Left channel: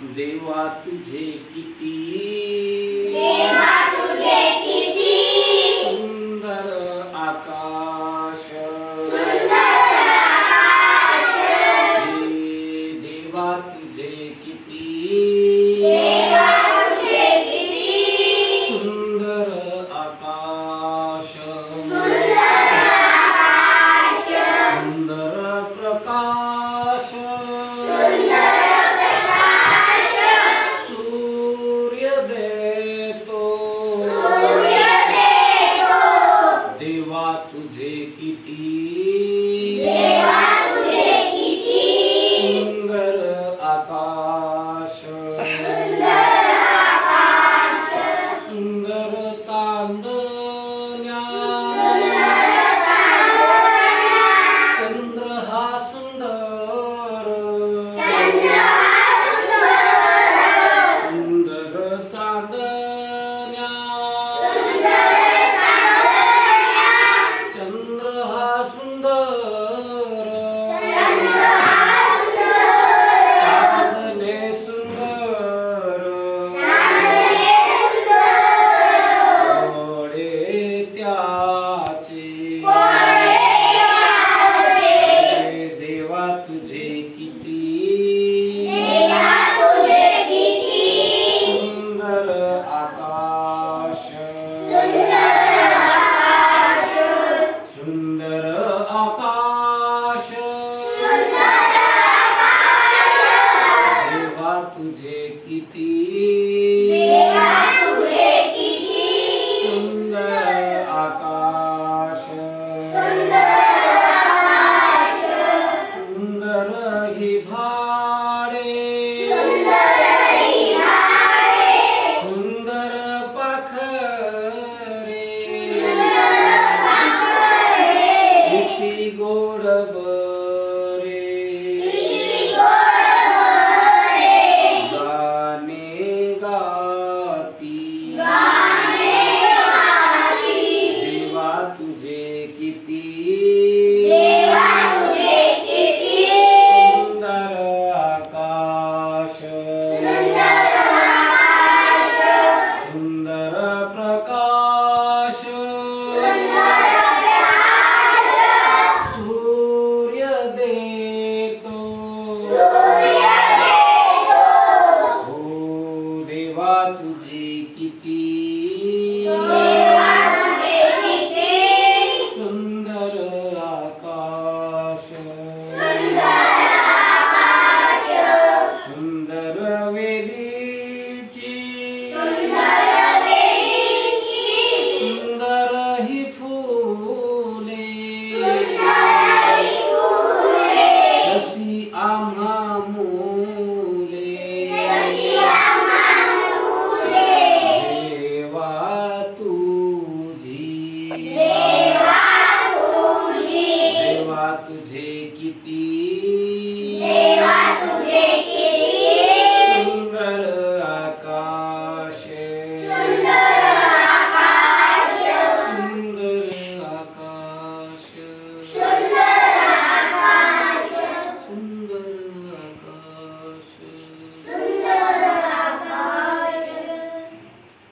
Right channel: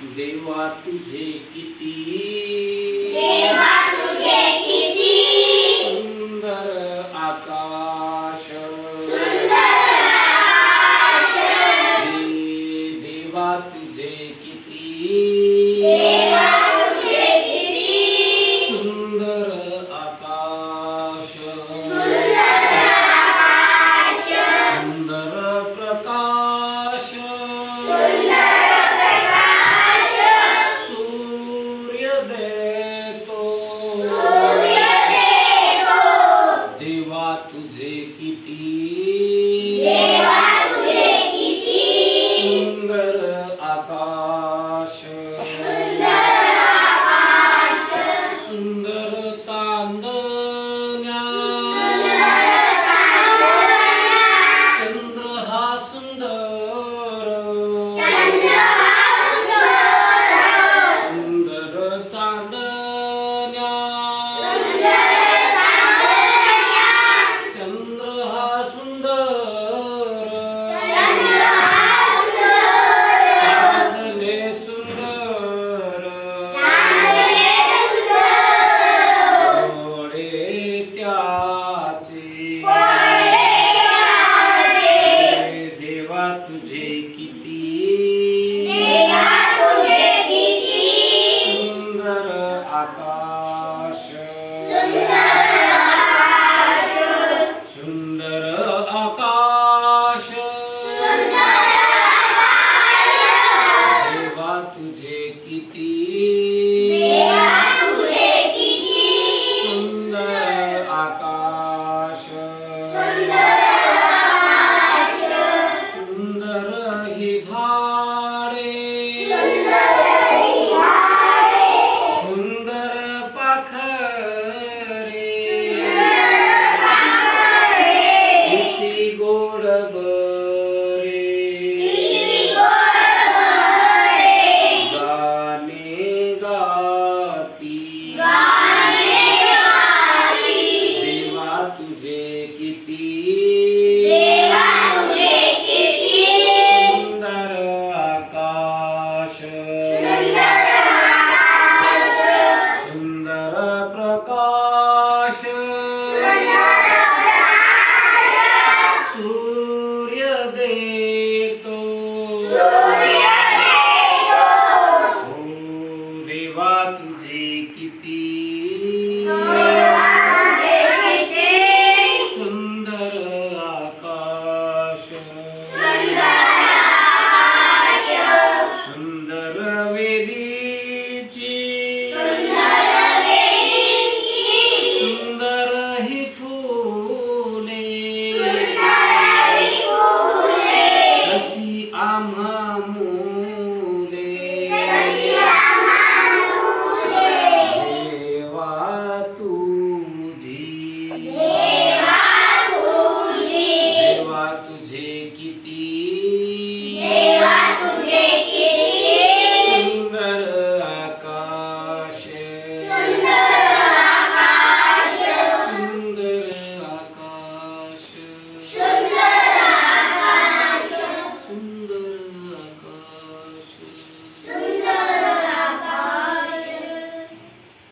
देवा तुझे किती सुंदर आकाश देवा तुझे किती सुंदर आकाश सुंदर प्रकाश सूर्य देतो देवा तुझे किती सुंदर आकाश सुंदर चांदण्या चंद्र हा सुंदर सुंदर चांदण्या चंद्र हा सुंदर चांदणे सुंदर डोळे त्याचे देवा तुझे किती सुंदर आकाश सुंदर आकाश देवा तुझे किती सुंदर आकाश सुंदर ही झाडे सुंदर पाखरे किती गोड बरे गाणे गाती देवा तुझे किती सुंदर आकाश